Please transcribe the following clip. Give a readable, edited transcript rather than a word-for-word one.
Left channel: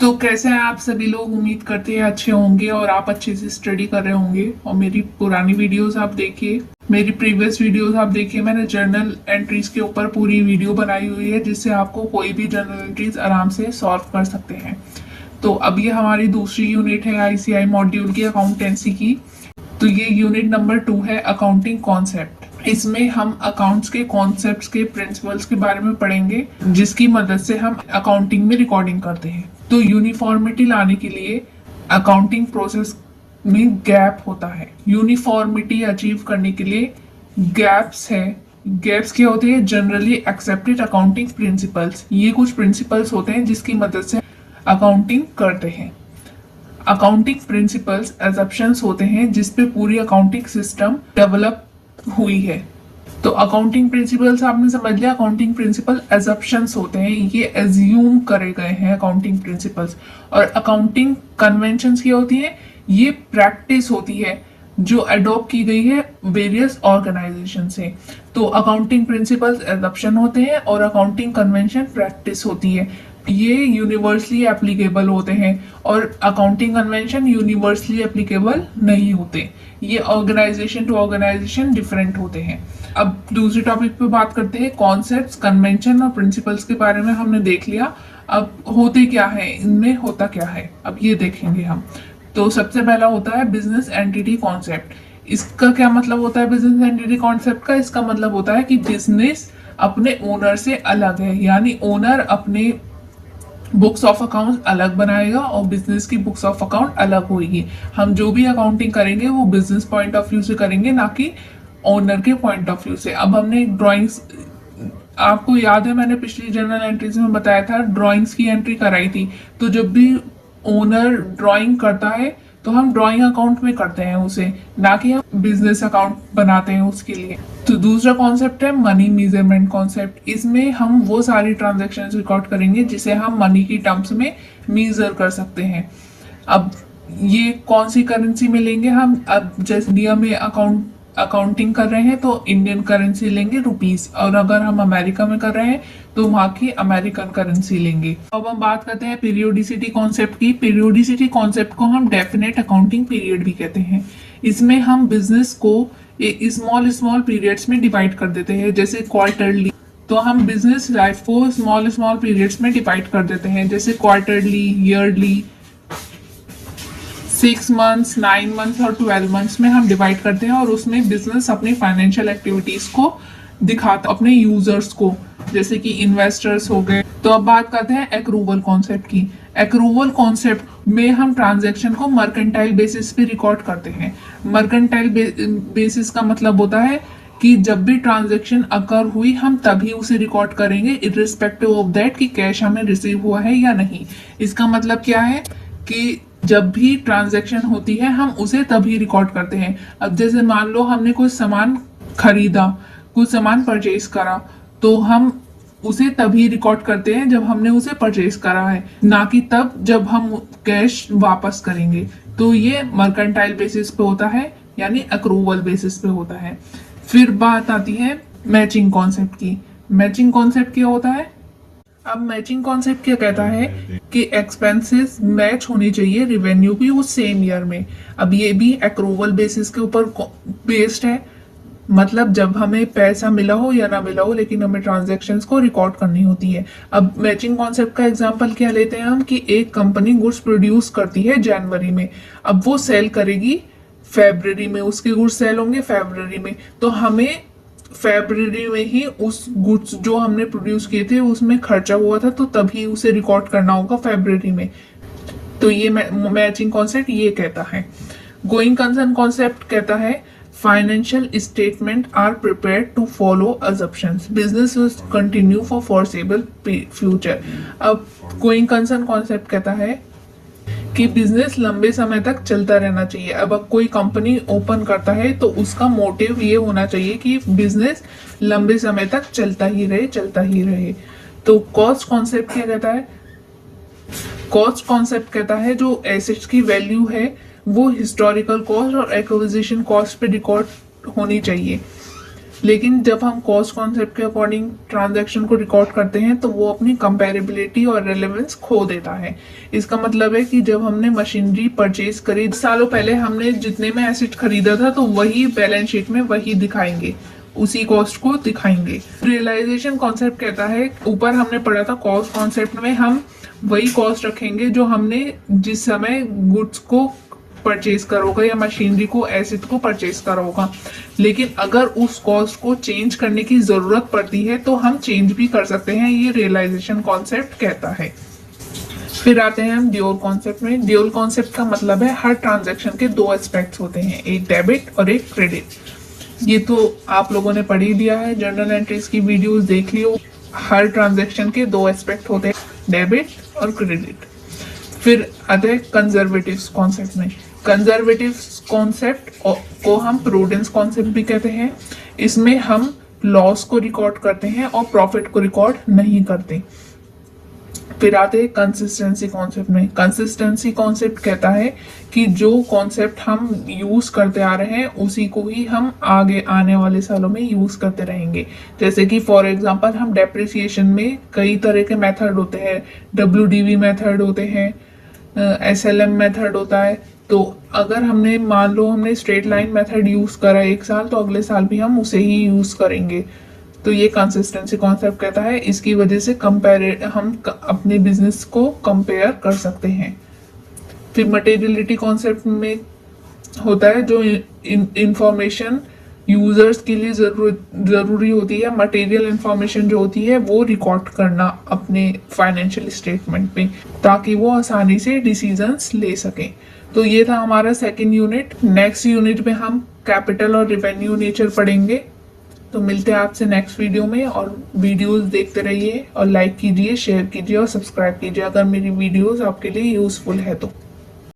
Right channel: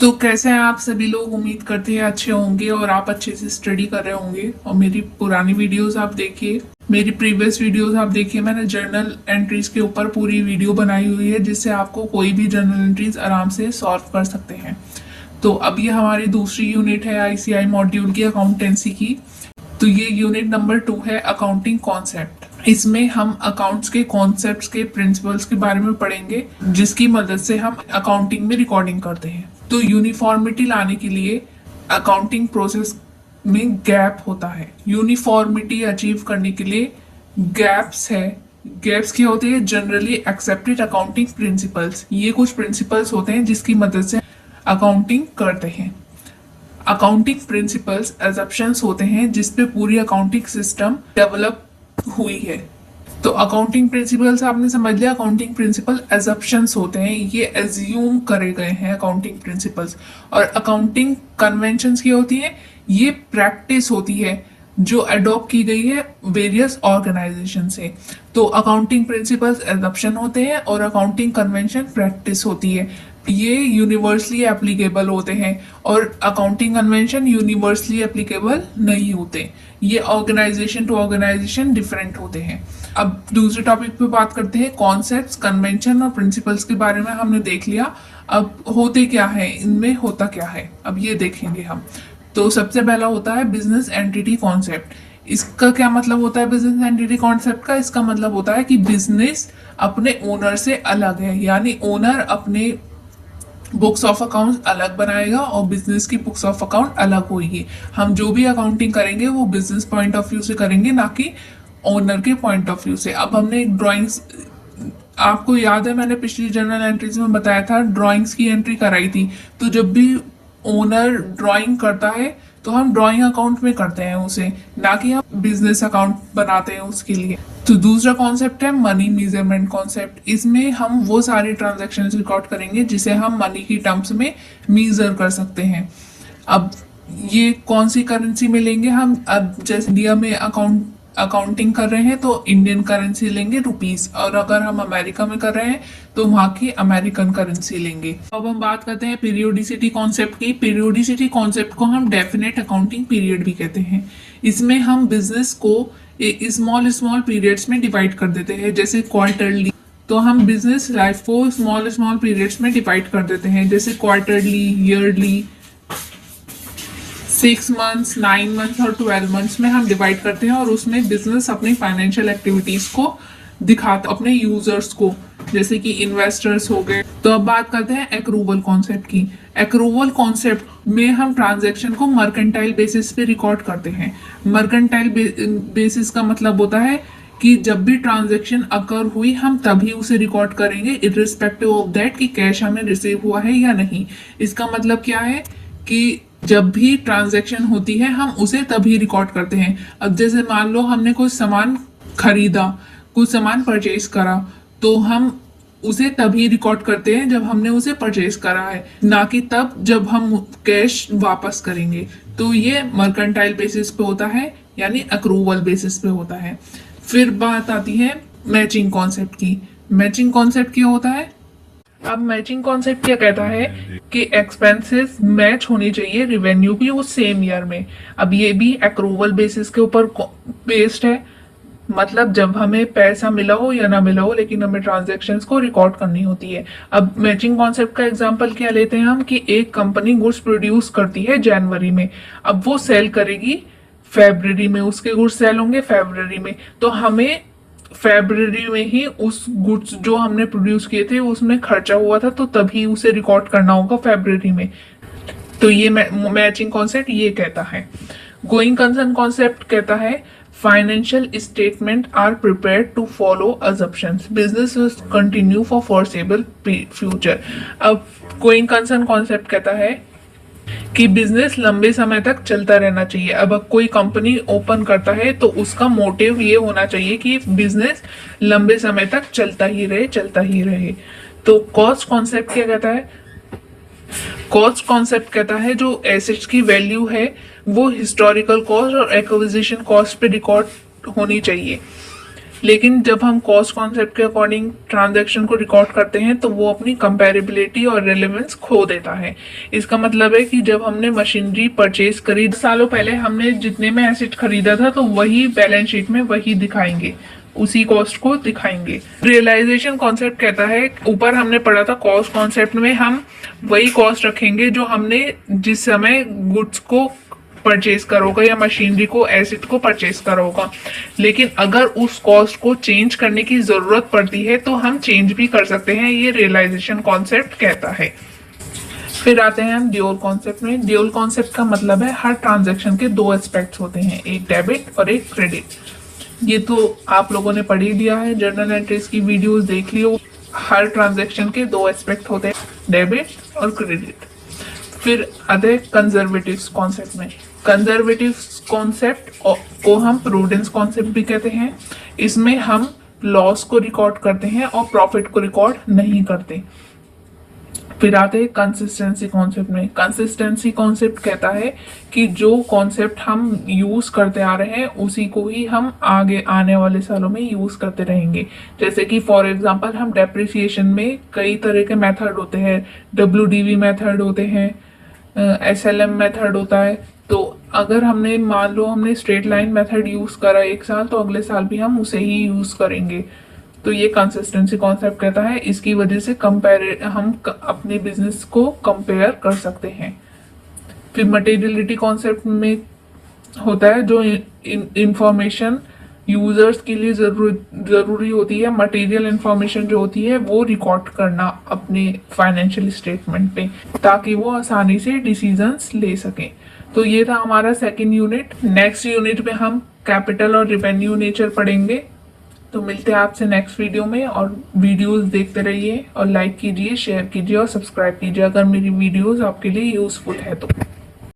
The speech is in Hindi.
तो कैसे हैं आप सभी लोग। उम्मीद करते हैं अच्छे होंगे और आप अच्छे से स्टडी कर रहे होंगे। और मेरी पुरानी वीडियोस आप देखिए, मेरी प्रीवियस वीडियोस आप देखिए। मैंने जर्नल एंट्रीज के ऊपर पूरी वीडियो बनाई हुई है जिससे आपको कोई भी जर्नल एंट्रीज आराम से सॉल्व कर सकते हैं। तो अब ये हमारी दूसरी यूनिट है आईसीआई मॉड्यूल की, अकाउंटेंसी की। तो ये यूनिट नंबर 2 है, अकाउंटिंग कॉन्सेप्ट। इसमें हम अकाउंट्स के कॉन्सेप्ट्स के प्रिंसिपल्स के बारे में पढ़ेंगे जिसकी मदद से हम अकाउंटिंग में रिकॉर्डिंग करते हैं। तो यूनिफॉर्मिटी लाने के लिए अकाउंटिंग प्रोसेस में गैप होता है। यूनिफॉर्मिटी अचीव करने के लिए गैप्स है। गैप्स क्या होते हैं? Generally accepted accounting principles. ये कुछ प्रिंसिपल्स होते हैं जिसकी मदद से अकाउंटिंग करते हैं। अकाउंटिंग प्रिंसिपल्स एजप्शंस होते हैं जिस पे पूरी अकाउंटिंग सिस्टम डेवलप हुई है। तो अकाउंटिंग प्रिंसिपल्स आपने समझ लिया। अकाउंटिंग प्रिंसिपल एजप्शंस होते हैं, ये एज्यूम करे गए हैं अकाउंटिंग प्रिंसिपल्स। और अकाउंटिंग कन्वेंशंस क्या होती है? ये प्रैक्टिस होती है जो अडॉप्ट की गई है वेरियस ऑर्गेनाइजेशन से। तो अकाउंटिंग प्रिंसिपल्स एडॉप्शन होते हैं और अकाउंटिंग कन्वेंशन प्रैक्टिस होती है। ये यूनिवर्सली एप्लीकेबल होते हैं और अकाउंटिंग कन्वेंशन यूनिवर्सली एप्लीकेबल नहीं होते। ये ऑर्गेनाइजेशन टू ऑर्गेनाइजेशन डिफरेंट होते हैं। अब दूसरे टॉपिक पे बात करते हैं। कॉन्सेप्ट्स, कन्वेंशन और प्रिंसिपल्स के बारे में हमने देख लिया। अब होते क्या है, इनमें होता क्या है, अब ये देखेंगे हम। तो सबसे पहला होता है बिजनेस एंटिटी कॉन्सेप्ट। इसका क्या मतलब होता है बिजनेस एंटिटी कॉन्सेप्ट का? इसका मतलब होता है कि बिजनेस अपने ओनर से अलग है, यानी ओनर अपने बुक्स ऑफ अकाउंट अलग बनाएगा और बिजनेस की बुक्स ऑफ अकाउंट अलग होगी। हम जो भी अकाउंटिंग करेंगे वो बिजनेस पॉइंट ऑफ व्यू से करेंगे, ना कि ओनर के पॉइंट ऑफ व्यू से। अब हमने एक ड्राइंग्स, आपको याद है मैंने पिछली जर्नल एंट्रीज में बताया था, ड्राइंग्स की एंट्री कराई थी। तो जब भी ओनर ड्राइंग करता है तो हम ड्राइंग अकाउंट में करते हैं उसे, ना कि हम बिजनेस अकाउंट बनाते हैं उसके लिए। तो दूसरा कॉन्सेप्ट है मनी मेजरमेंट कॉन्सेप्ट। इसमें हम वो सारी ट्रांजैक्शंस रिकॉर्ड करेंगे जिसे हम मनी की टर्म्स में मेजर कर सकते हैं। अब ये कौन सी करेंसी में लेंगे हम? अब जैसे इंडिया में अकाउंटिंग कर रहे हैं तो इंडियन करेंसी लेंगे रुपीस, और अगर हम अमेरिका में कर रहे हैं तो वहाँ की अमेरिकन करेंसी लेंगे। अब हम बात करते हैं पीरियोडिसिटी कॉन्सेप्ट की। पीरियोडिसिटी कॉन्सेप्ट को हम डेफिनेट अकाउंटिंग पीरियड भी कहते हैं। इसमें हम बिजनेस को स्मॉल स्मॉल पीरियड्स में डिवाइड कर देते हैं, जैसे क्वार्टरली। तो हम बिजनेस लाइफ को स्मॉल स्मॉल पीरियड्स में डिवाइड कर देते हैं, जैसे क्वार्टरली, ईयरली, 6 मंथ्स, 9 मंथ्स और 12 मंथ्स में हम डिवाइड करते हैं। और उसमें बिजनेस अपनी फाइनेंशियल एक्टिविटीज को दिखाता अपने यूजर्स को, जैसे कि इन्वेस्टर्स हो गए। तो अब बात करते हैं एक्रूवल कॉन्सेप्ट की। एक्रूवल कॉन्सेप्ट में हम ट्रांजैक्शन को मर्केंटाइल बेसिस पे रिकॉर्ड करते हैं। मर्केंटाइल बेसिस का मतलब होता है कि जब भी ट्रांजैक्शन अकर हुई हम तभी उसे रिकॉर्ड करेंगे, इररिस्पेक्टिव ऑफ दैट कि कैश हमें रिसीव हुआ है या नहीं। इसका मतलब क्या है कि जब भी ट्रांजैक्शन होती है हम उसे तभी रिकॉर्ड करते हैं। अब जैसे मान लो हमने कुछ सामान खरीदा, कुछ सामान परचेज करा, तो हम उसे तभी रिकॉर्ड करते हैं जब हमने उसे परचेज करा है, ना कि तब जब हम कैश वापस करेंगे। तो ये मर्केंटाइल बेसिस पे होता है, यानी अक्रूवल बेसिस पे होता है। फिर बात आती है मैचिंग कॉन्सेप्ट की। मैचिंग कॉन्सेप्ट क्या होता है? अब मैचिंग कॉन्सेप्ट क्या कहता है कि एक्सपेंसेस मैच होनी चाहिए रेवेन्यू की उस सेम ईयर में। अब ये भी अक्रूवल बेसिस के ऊपर बेस्ड है, मतलब जब हमें पैसा मिला हो या ना मिला हो, लेकिन हमें ट्रांजैक्शंस को रिकॉर्ड करनी होती है। अब मैचिंग कॉन्सेप्ट का एग्जांपल क्या लेते हैं हम कि एक कंपनी गुड्स प्रोड्यूस करती है जनवरी में, अब वो सेल करेगी फेब्रुअरी में, उसके गुड्स सेल होंगे फेब्रुअरी में। तो हमें फेब्रुअरी में ही उस गुड्स जो हमने प्रोड्यूस किए थे उसमें खर्चा हुआ था, तो तभी उसे रिकॉर्ड करना होगा फेब्रुअरी में। तो ये मैचिंग कॉन्सेप्ट ये कहता है। गोइंग कंसर्न कॉन्सेप्ट कहता है financial statement are prepared to follow assumptions, business will continue for foreseeable future. अब गोइंग कंसर्न कॉन्सेप्ट कहता है कि बिजनेस लंबे समय तक चलता रहना चाहिए। अब कोई कंपनी ओपन करता है तो उसका मोटिव ये होना चाहिए कि बिजनेस लंबे समय तक चलता ही रहे, चलता ही रहे। तो कॉस्ट कॉन्सेप्ट क्या कहता है? कॉस्ट कॉन्सेप्ट कहता है जो एसेट्स की वैल्यू है वो हिस्टोरिकल कॉस्ट और एक्विजिशन कॉस्ट पे रिकॉर्ड होनी चाहिए। लेकिन जब हम कॉस्ट कॉन्सेप्ट के अकॉर्डिंग ट्रांजैक्शन को रिकॉर्ड करते हैं तो वो अपनी कंपैरेबिलिटी और रेलेवेंस खो देता है। इसका मतलब है कि जब हमने मशीनरी परचेज करी 10 सालों पहले, हमने जितने में एसेट खरीदा था तो वही बैलेंस शीट में वही दिखाएंगे, उसी कॉस्ट को दिखाएंगे। रियलाइजेशन कॉन्सेप्ट कहता है, ऊपर हमने पढ़ा था कॉस्ट कॉन्सेप्ट में हम वही कॉस्ट रखेंगे जो हमने जिस समय गुड्स को परचेज करा होगा या मशीनरी को, एसेट को परचेज करा होगा। लेकिन अगर उस कॉस्ट को चेंज करने की जरूरत पड़ती है तो हम चेंज भी कर सकते हैं, ये रियलाइजेशन कॉन्सेप्ट कहता है। फिर आते हैं हम ड्यूअल कॉन्सेप्ट में। ड्यूअल कॉन्सेप्ट का मतलब है हर ट्रांजैक्शन के दो एस्पेक्ट्स होते हैं, एक डेबिट और एक क्रेडिट। ये तो आप लोगों ने पढ़ ही लिया है, जर्नल एंट्रीज की वीडियोस देख लियो। हर ट्रांजैक्शन के दो एस्पेक्ट होते हैं, डेबिट और क्रेडिट। फिर आते हैं कंजर्वेटिव कॉन्सेप्ट में। कंजर्वेटिव कॉन्सेप्ट को हम प्रूडेंस कॉन्सेप्ट भी कहते हैं। इसमें हम लॉस को रिकॉर्ड करते हैं और प्रॉफिट को रिकॉर्ड नहीं करते। फिर आते हैं कंसिस्टेंसी कॉन्सेप्ट में। कंसिस्टेंसी कॉन्सेप्ट कहता है कि जो कॉन्सेप्ट हम यूज करते आ रहे हैं उसी को ही हम आगे आने वाले सालों में यूज करते रहेंगे। जैसे कि फॉर एग्जांपल हम डेप्रिसिएशन में कई तरह के मेथड होते हैं, WDV मेथड होते हैं, SLM मेथड होता है। तो अगर हमने मान लो हमने स्ट्रेट लाइन मेथड यूज करा एक साल, तो अगले साल भी हम उसे ही यूज करेंगे। तो ये कंसिस्टेंसी कॉन्सेप्ट कहता है, इसकी वजह से हम अपने बिजनेस को कंपेयर कर सकते हैं। फिर मटेरियलिटी कॉन्सेप्ट में होता है जो इंफॉर्मेशन यूजर्स के लिए जरूरी होती है, मटेरियल इंफॉर्मेशन जो होती है वो रिकॉर्ड करना अपने फाइनेंशियल स्टेटमेंट पे, ताकि वो आसानी से डिसीजंस ले सकें। तो ये था हमारा सेकंड यूनिट। नेक्स्ट यूनिट में हम कैपिटल और रेवेन्यू नेचर पढ़ेंगे। तो मिलते हैं आपसे नेक्स्ट वीडियो में, और वीडियोस देखते रहिए और लाइक कीजिए, शेयर कीजिए और सब्सक्राइब कीजिए अगर मेरी वीडियोस आपके लिए यूजफुल है तो।